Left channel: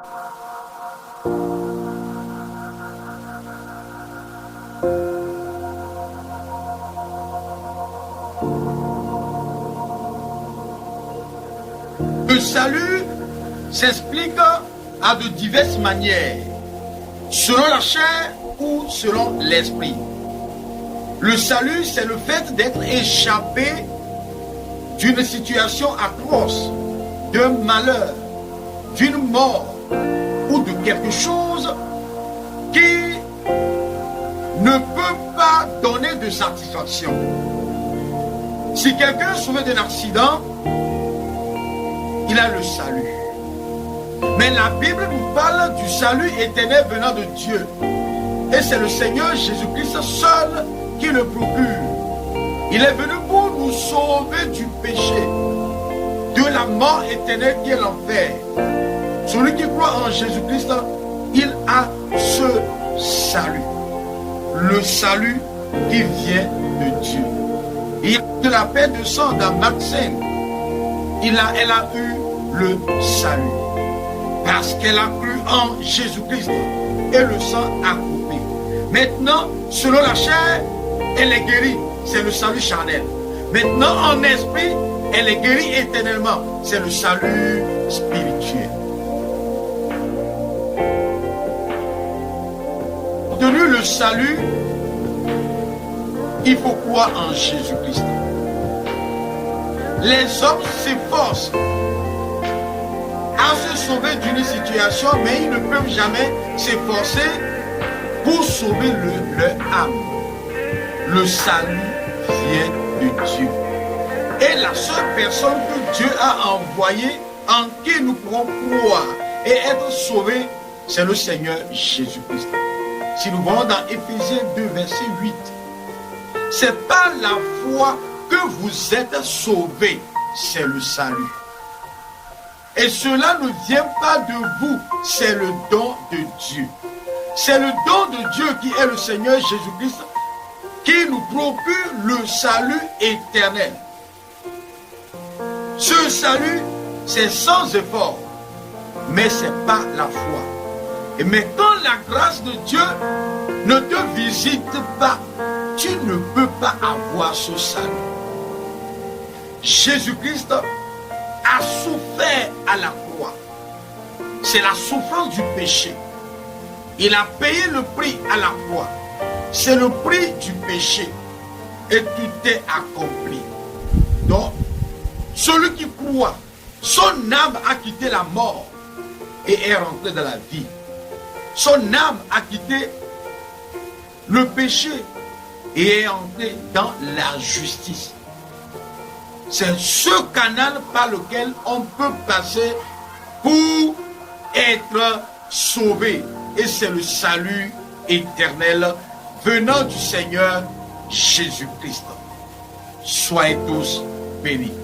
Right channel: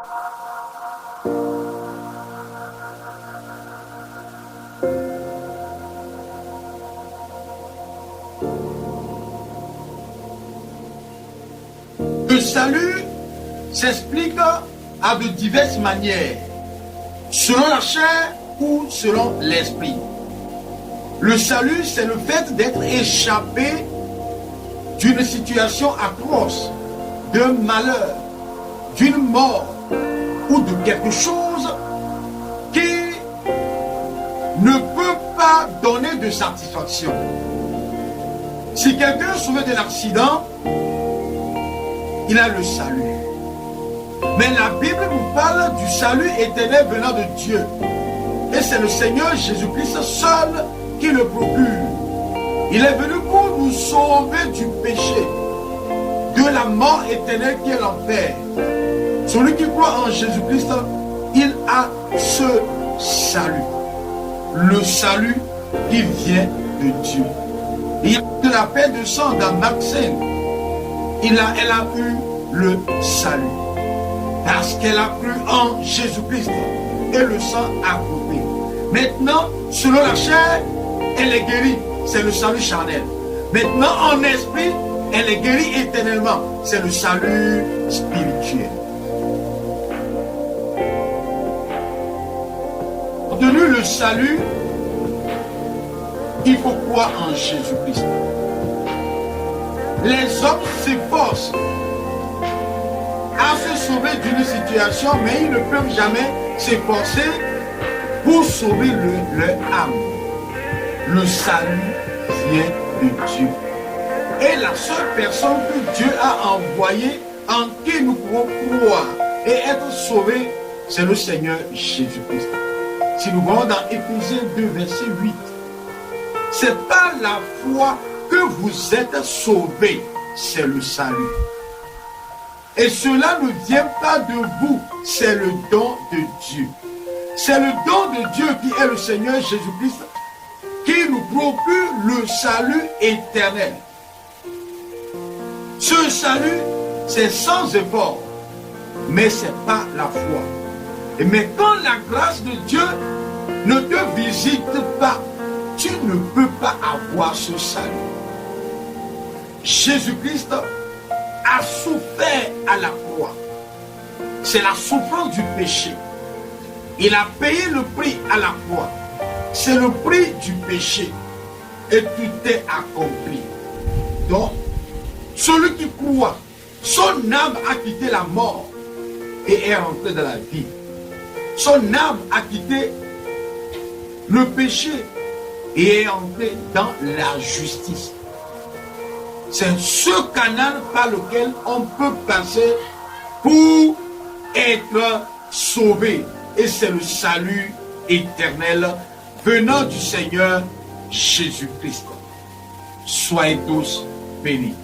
Le salut s'explique à de diverses manières, selon la chair ou selon l'esprit. Le salut, c'est le fait d'être échappé d'une situation atroce, d'un malheur, d'une mort ou de quelque chose qui ne peut pas donner de satisfaction. Si quelqu'un est sauvé d'un accident, il a le salut. Mais la Bible nous parle du salut éternel venant de Dieu. Et c'est le Seigneur Jésus-Christ seul qui le procure. Il est venu pour nous sauver du péché, de la mort éternelle qui est l'enfer. Celui qui croit en Jésus-Christ, il a ce salut. Le salut qui vient de Dieu. Il y a de la paix de sang dans Marc 5. Elle a eu le salut. Parce qu'elle a cru en Jésus-Christ. Et le sang a coupé. Maintenant, selon la chair, elle est guérie. C'est le salut charnel. Maintenant, en esprit, elle est guérie éternellement. C'est le salut spirituel. Pour obtenir le salut, il faut croire en Jésus-Christ. Les hommes s'efforcent à se sauver d'une situation, mais ils ne peuvent jamais s'efforcer pour sauver leur âme. Le salut vient de Dieu. Et la seule personne que Dieu a envoyée, en qui nous pouvons croire et être sauvés, c'est le Seigneur Jésus-Christ. Si nous voyons dans Éphésiens 2, verset 8, c'est par la foi que vous êtes sauvés, c'est le salut. Et cela ne vient pas de vous, c'est le don de Dieu. C'est le don de Dieu qui est le Seigneur Jésus-Christ qui nous procure le salut éternel. Ce salut, c'est sans effort, mais c'est par la foi. Et mais quand la grâce de Dieu ne te visite pas, tu ne peux pas avoir ce salut. Jésus-Christ a souffert à la croix. C'est la souffrance du péché. Il a payé le prix à la croix. C'est le prix du péché. Et tout est accompli. Donc, celui qui croit, son âme a quitté la mort et est rentré dans la vie. Son âme a quitté le péché et est entré dans la justice. C'est ce canal par lequel on peut passer pour être sauvé. Et c'est le salut éternel venant du Seigneur Jésus-Christ. Soyez tous bénis.